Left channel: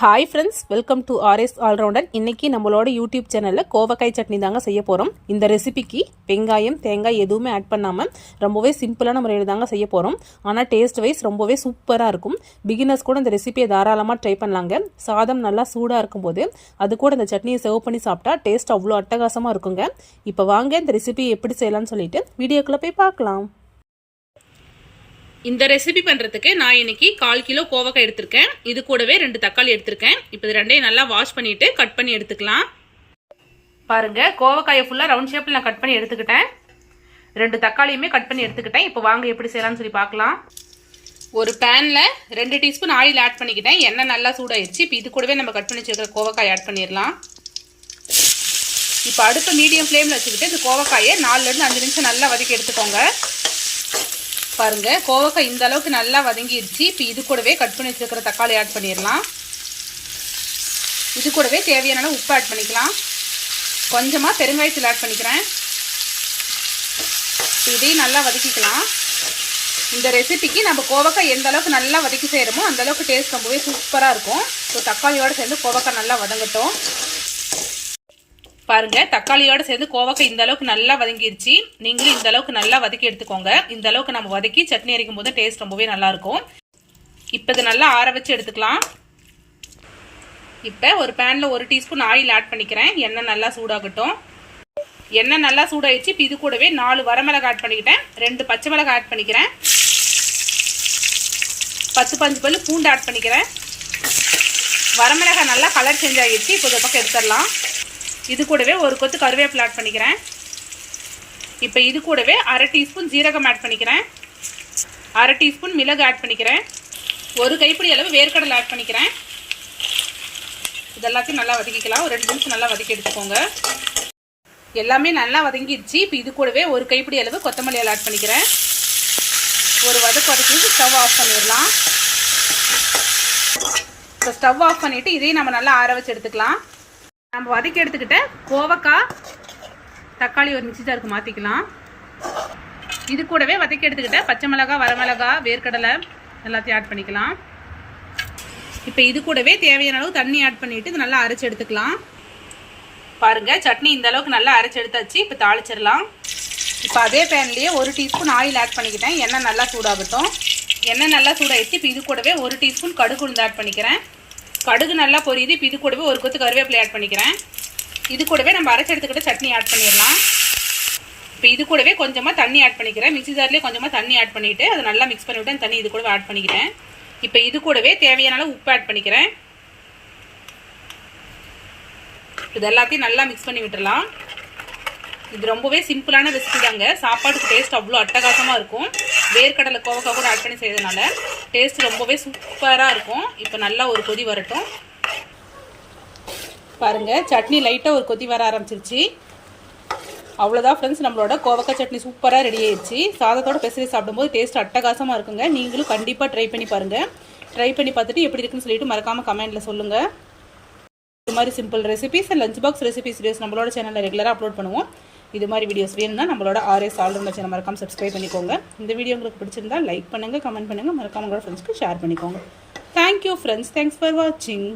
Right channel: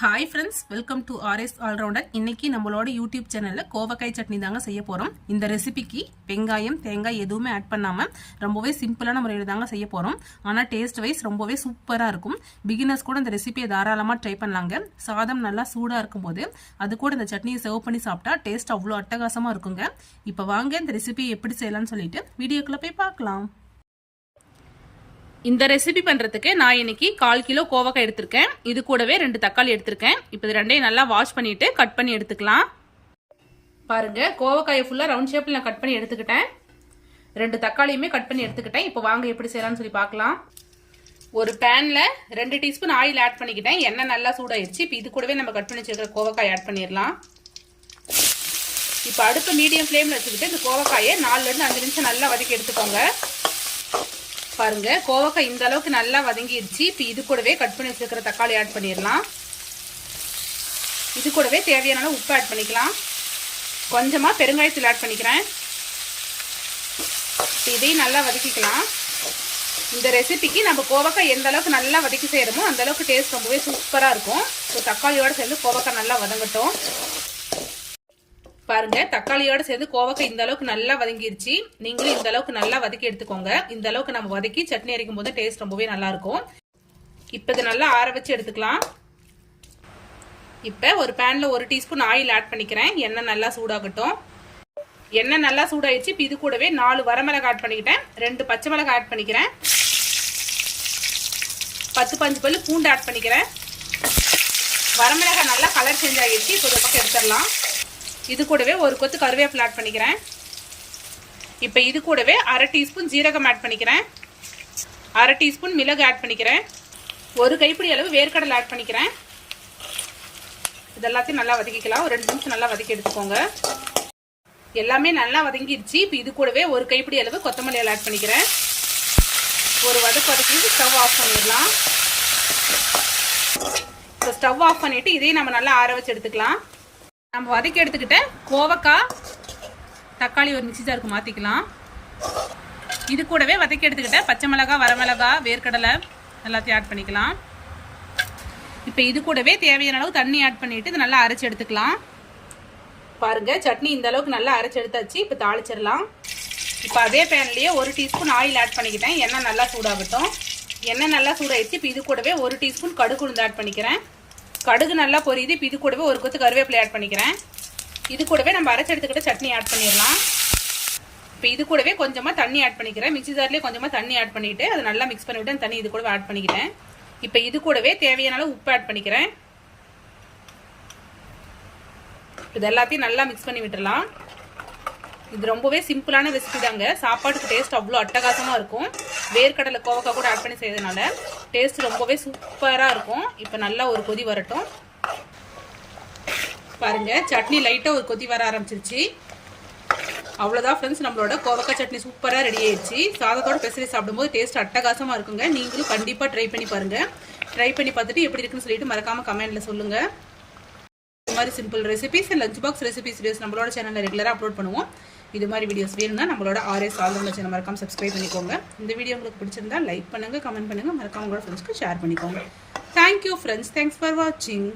Hi friends, welcome to RS allrounder. இன்றைக்கி நம்மளோட YouTube சேனலில் கோவக்காய் சட்னி தாங்க செய்ய போகிறோம். இந்த ரெசிபிக்கு வெங்காயம் தேங்காய் எதுவுமே ஆட் பண்ணாமல் ரொம்பவே சிம்பிளான முறையில் தாங்க செய்ய போகிறோம். ஆனால் டேஸ்ட் வைஸ் ரொம்பவே சூப்பராக இருக்கும். பிகினர்ஸ் கூட இந்த ரெசிபியை தாராளமாக ட்ரை பண்ணலாங்க. சாதம் நல்லா சூடாக இருக்கும்போது அது கூட இந்த சட்னியை சர்வ் பண்ணி சாப்பிட்டா டேஸ்ட் அவ்வளோ அட்டகாசமாக இருக்குங்க. இப்போ வாங்க இந்த ரெசிபியை எப்படி செய்யலாம்னு சொல்லிட்டு வீடியோக்குள்ளே போய் பார்க்கலாம். இந்த ரெசிபி பண்ணுறதுக்கு நான் இன்னைக்கு 1/4 கிலோ கோவக்காய் எடுத்திருக்கேன். இது கூடவே 2 தக்காளி எடுத்திருக்கேன். இப்போ இது ரெண்டையும் நல்லா வாஷ் பண்ணிட்டு கட் பண்ணி எடுத்துக்கலாம். பாருங்க, கோவக்காயை ஃபுல்லாக ரவுண்ட் ஷேப்பில் நான் கட் பண்ணி எடுத்துக்கிட்டேன். 2 தக்காளியுமே கட் பண்ணி எடுத்துக்கிட்டேன். இப்போ வாங்க எப்படி செய்யலாம்னு சொல்லி பார்க்கலாம். ஒரு பேனில் 2 டீஸ்பூன் ஆயில் ஆட் பண்ணிக்கிட்டேன். எண்ணெய் நல்லா சூடாயிருச்சு. இப்போ இது கூடவே நம்ம கட் பண்ணி வச்சுருக்கிற கோவக்காய் ஆட் பண்ணிடலாம். இப்போ அடுப்பு மீடியம் ஃப்ளேமில் வச்சுக்கிட்டு இந்த கோவக்காயை 4லேருந்து 5 நிமிஷம் நல்லா வதக்கி எடுத்துக்கோங்க. பாருங்க, கோவக்காய் இந்த அளவுக்கு நல்லா வதங்கிடுச்சு. இப்போ இது கூடவே கட் பண்ணி வச்சிருக்கிற தக்காளி ஆட் பண்ணிடலாம். இது கூடவே தேவையான உப்பு ஆட் பண்ணிக்கலாம். கொஞ்சமாக பெருங்காயத்தில் ஆட் பண்ணிக்கிறேன். இதையும் நல்லா வதக்கிக்கலாம். இந்த ரெசிபிக்கு நம்ம கோவக்காய் எந்த அளவுக்கு நல்லா வதக்கி செய்கிறோமோ அந்த அளவுக்கு டேஸ்ட் ரொம்பவே சூப்பராக இருக்கும். ஸோ தக்காளியோடு சேர்ந்து கோவக்காய் நல்லா வதங்கட்டும். பாருங்க, தக்காளியோட சேர்ந்து கோவக்காய் இந்த அளவுக்கு நல்லா வதங்கிருச்சு. நீங்களும் இந்த அளவுக்கு நல்லா வதக்கி எடுத்துக்கோங்க. இந்த அளவுக்கு நம்ம வதக்கி சட்னி அரைக்கும் போது டேஸ்ட் ரொம்பவே நல்லா இருக்கும். இப்போ இதை நல்லா ஆற வச்சு எடுத்துக்கலாம். இப்போ ஒரு பேனில் 1 டீஸ்பூன் ஆயில் ஆட் பண்ணிக்கிறேன். எண்ணெய் நல்லா சூடாகட்டும். எண்ணெய் நல்லா சூடாயிடுச்சு. இப்போ இது கூடவே 4 வரமிளகாய் ஆட் பண்ணிக்கிட்டேன். 2 பச்சை மிளகாய் ஆட் பண்ணிக்கிறேன். 10-15 பல்லு பூண்டு ஆட் பண்ணிக்கிறேன். வரமிளகாய் நல்லா கலர் சேஞ்ச் ஆகிடுச்சு. இப்போ இந்த பக்கம் எடுத்துடலாம். இது கூடவே 1 கொத்து கருவேப்பிலை ஆட் பண்ணிக்கிறேன். இப்போ இது கூடவே 1/2 டீஸ்பூன் ஜீரகம் ஆட் பண்ணிக்கிறேன். 1/2 டீஸ்பூன் மிளகு ஆட் பண்ணிக்கிறேன். 1 கைப்பிடி அளவு வேர்க்கடலை ஆட் பண்ணிக்கிறேன். இதெல்லாத்தையும் நல்லா வதக்கிக்கலாம். ஒரு 2 நிமிஷம் நல்லா வதக்கி எடுத்துக்கோங்க. எல்லாமே நல்லா வதங்கிடுச்சு. இப்போ இது கூடவே 1 கைப்பிடி அளவு கொத்தமல்லி ஆட் பண்ணிக்கிறேன். ஒரு வதக்கிட்டு ஸ்டவ் ஆஃப் பண்ணிடலாம். இப்போ ஸ்டவ் ஆஃப் பண்ணிவிட்டு இதையும் நம்ம நல்லா ஆற வச்சு எடுத்துக்கலாம். நம்ம வதக்கி எடுத்துக்கிட்ட கோவக்காய் தக்காளி ஒரு மிக்ஸி ஜாருக்கு மாற்றிக்கலாம். இது கூடவே வதக்கி எடுத்துக்கிட்ட பச்சை மிளகாய் வரமிளகாய் வேர்க்கடலை எல்லாத்தையும் ஆட் பண்ணிக்கலாம். இப்போ இது கூடவே தேவையான அளவு தண்ணி ஆட் பண்ணிவிட்டு இது நல்லா அரைச்சி எடுத்துக்கலாம். பாருங்கள், சட்னி இந்த அளவுக்கு நல்லா அரைச்சி எடுத்தாச்சு. இப்போ தாளிச்சிடலாம். இப்போ அதே பேன்லேயே 1 டீஸ்பூன் ஆயில் ஆட் பண்ணிக்கிட்டேன். எண்ணெய் நல்லா சூடாகட்டும். எண்ணெய் நல்லா சூடாகிடுச்சு. இப்போ இது கூடவே 1 டீஸ்பூன் கடுகு உளுந்து ஆட் பண்ணிக்கிறேன். கடுகு நல்லா பொரியுது. இப்போ இது கூடவே 1 கொத்து கருவேப்பிலை ஆட் பண்ணிக்கிறேன். இது கூடவே நம்ம அரைச்சி எடுத்துக்கிட்ட சட்னி ஆட் பண்ணிடலாம். இப்போ இது கூடவே கொஞ்சமாக தண்ணி ஆட் பண்ணிக்கிறேன். மிக்ஸி ஜார்லேயே கொஞ்சமாக தண்ணி ஆட் பண்ணிவிட்டு அதை நல்லா மிக்ஸ் பண்ணிவிட்டு அந்த தண்ணி இது கூடவே ஆட் பண்ணிக்கிட்டேன். இப்போ இது கூடவே தேவையான அளவு உப்பு ஆட் பண்ணிக்கிறேன். இது எல்லாத்தையும் நல்லா மிக்ஸ் பண்ணி விட்டுடலாம். இது ரொம்பவே சிம்பிளான ரெசிபி தாங்க. சாப்பாட்டுக்கு டேஸ்ட் அவ்வளோ அட்டகாசமாக இருக்கும். வேர்க்கடலை கோவக்காய் கூட ஆட் பண்ணி செய்யறதுனால டேஸ்ட் ரொம்பவே சூப்பராக இருக்கும். இப்போ நல்லா ஒரு கொதி வரட்டும். பாருங்கள், சட்னி லைட்டாக ஒரு கொதி வர ஆரம்பிச்சிருச்சு. அவ்வளோதான் ஃப்ரெண்ட்ஸ், நம்மளோட கோவக்காய் சட்னி சூப்பராக ரெடி ஆயிடுச்சு. சாதத்தோட பெசரி சாப்பிடும்போது டேஸ்ட் அட்டகாசமாக இருக்குங்க. நீங்களும் கண்டிப்பாக ட்ரை பண்ணி பாருங்கள். ட்ரை பண்ணி பார்த்துட்டு எப்படி இருக்குன்னு சொல்லிட்டு மறக்காமல் கமெண்ட்டில் சொல்லுங்கள். இது மாதிரி simple recipes lunch box recipes videos நம்மளோட சேனலில் ரெகுலராக அப்லோட் பண்ணுவோம். இது மாதிரி வீடியோஸ் வேணும்னா நம்மளோட ஆர்எஸ் ஆல்ரவுண்டர் சேனல் மறக்காம சப்ஸ்கிரைப் பண்ணிக்கோங்க. இந்த வீடியோ உங்களுக்கு பிடிச்சிருந்தா லைக் பண்ணுங்கள், கமெண்ட் பண்ணுங்கள், மறக்காம உங்களோட ஃப்ரெண்ட்ஸ்க்கு ஷேர் பண்ணிக்கோங்க. தேங்க்யூ ஃப்ரெண்ட்ஸ், தேங்க்ஸ் ஃபார் வாட்சிங்.